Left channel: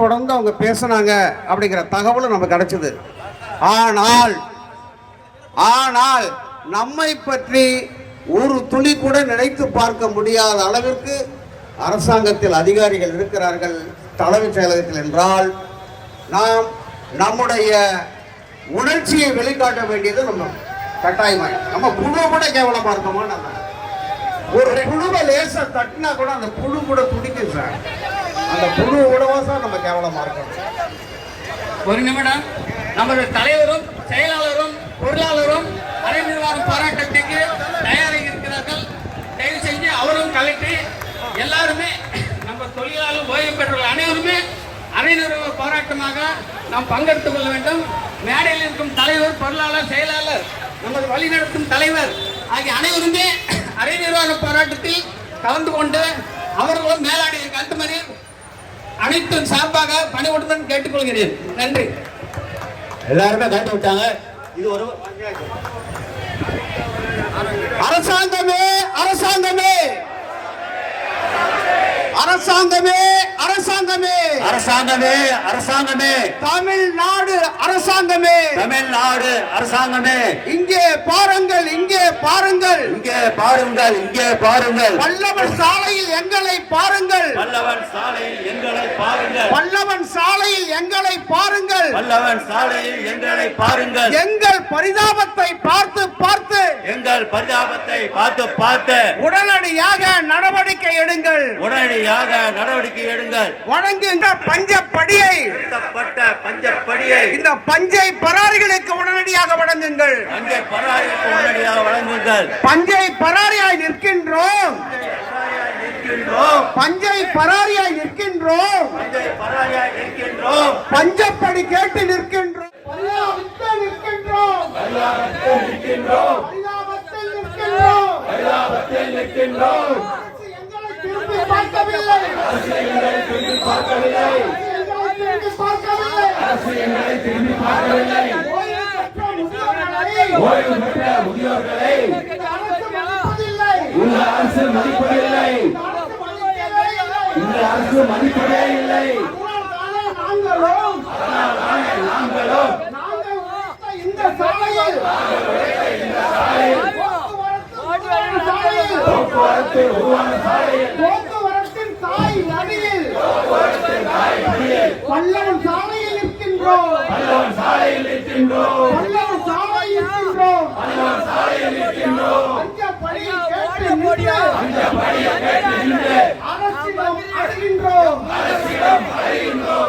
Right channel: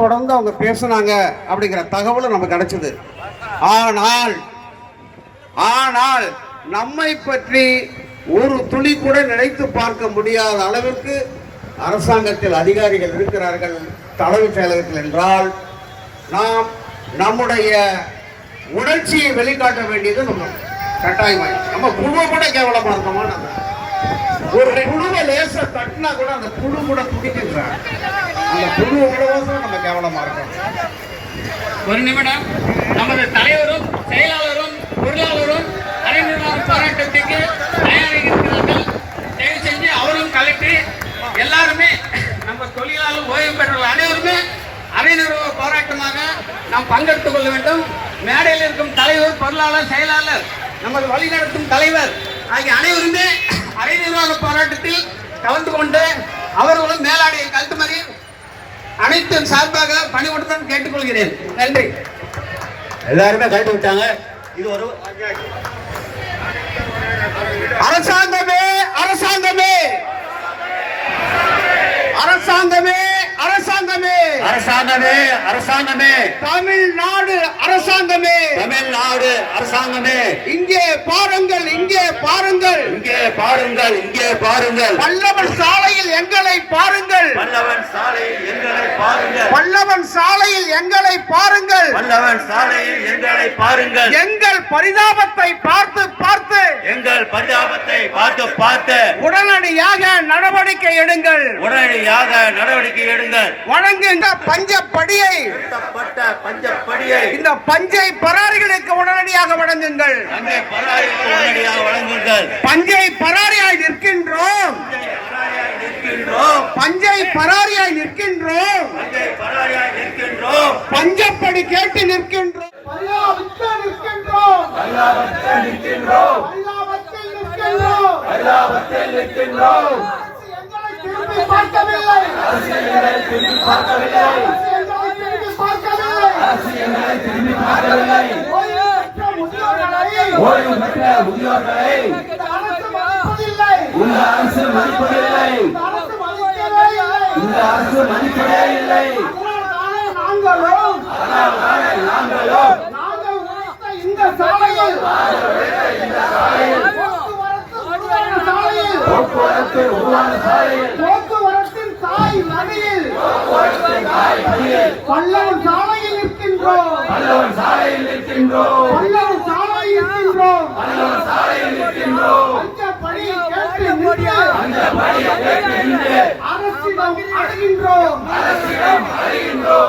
தொடர்ந்து அவங்க பேசுனாங்க அப்படிங்கிற தகவலும் நமக்கு கிடைச்சது. ஆனால் ஆனால் நம்மை பற்றி ஒரு துளி கூட நினைத்து பார்க்க முடியாத அளவிற்கு அரசாங்கத்தில் அதிகாரிகள் இருக்கிறார்கள் தலைமைச் செயலகத்தில் என்றால் நாம் நம்முடைய உணர்ச்சியை வெளிக்காட்ட வேண்டியது நம்ம கட்டாயமாய். நம்ம குழுவை கூட கேவலமா இருந்தோமா? ஒரு குழுவை லேசா தட்டினா கூட அந்த குழு கூட துடிக்கும் சார். அந்த குழுவை விடவோ சார் நம்ம கேவலமா இருக்கோம். ஒரு நிமிடம். நமது தலைவரும் செயலாளரும் பொருளாளரும் அறிஞர் போராட்டத்துக்கு தயாரிக்கிறார்கள். தயவு செஞ்சு அவரும் கலெக்டர் எல்லாருமே நம்ம தொழிலாளர் ஓய்வு பெற்றவர்கள் அனைவருமே அறிஞர் போராட்டமாக நாம் பங்கெடுத்துக் கொள்ள வேண்டும். மேடையில் இருக்கும் தலைவர், பொருளாளர், செயலாளர், நமது வழிநடத்தும் தலைவர் ஆகிய அனைவருமே அரை நிர்வாக போராட்டத்தில் கலந்து கொண்டு அவர்களும் மேலாடைய கல்துமறி அனைத்து சார்பாக பணிவுடன் கேட்டுக்கொள்கிறேன். நன்றி. எல்லாருமே கலந்து விட்டாங்க. இது ஒரு அரசாங்கமே அரசாங்கமே அரசாங்கமே அரசாங்கமே அரசாங்கமே அரசாங்கமே தமிழ்நாடு அரசாங்கமே தமிழ்நாடு அரசாங்கமே இங்கே பாருங்கள், இங்கே பாருங்கள், இங்கே பாருங்கள், இங்கே பாருங்கள். பல்லவன் சாலையில் எங்களை பாருங்கள், பல்லவன் சாலையில் எங்களை பாருங்கள், பல்லவன் சாலையில் எங்களை பாருங்கள், பல்லவன் சாலையில் எங்களை பாருங்கள். எங்கள் பரிதாபத்தை பார்த்து பார்த்து எங்கள் பரிதாபத்தை பார்த்து பார்த்து உடனடியாக நடவடிக்கை எடுங்கள், உடனடியாக நடவடிக்கை எடுங்கள். வழங்குங்க பஞ்சப்படியை, பஞ்சப்படியை இந்த பஞ்சை பராரிகளுக்கு உடனடியாக வழங்குங்கள். பஞ்சை பராரிக்கு உடனடியாக வழங்குங்கள். பஞ்சை பராரியாய் நிற்கின்றோம், பஞ்சை பராரியாய் நிற்கின்றோம், பஞ்சை பராரியாய் நிற்கின்றோம், பஞ்சப்படி கேட்டு நிற்கின்றோம், பரிதாபத்தில் நிற்கின்றோம், பரிதாபத்தில் நிற்கின்றோம், பரிதாபத்தில் நிற்கின்றோம், பரிதாபத்தில் நிற்கின்றோம். எங்களை திரும்பி பார்க்கவில்லை, எங்களை திரும்பி பார்க்கவில்லை, எங்களை திரும்பி பார்க்கவில்லை. ஓய்வு பெற்ற முதியோர்களை இந்த அரசு மதிப்பதில்லை, இந்த அரசு மதிப்பதே இல்லை. நாங்களும் இந்த சாலையில் போக்குவரத்து உருவான சாலையில் போக்குவரத்தின் தாய் நதியில் பல்லவன் சாலையில் இருக்கின்றோம், பல்லவன் சாலையில் இருக்கின்றோம், பல்லவன் சாலையில் இருக்கின்றோம், பல்லவன் சாலையில் இருக்கின்றோம். பஞ்சப்படியை கேட்டு நின்று பஞ்சப்படியை கேட்டு நின்று அரசிடம் அடைகின்றோம், அரசிடம் அடைகின்றோம்.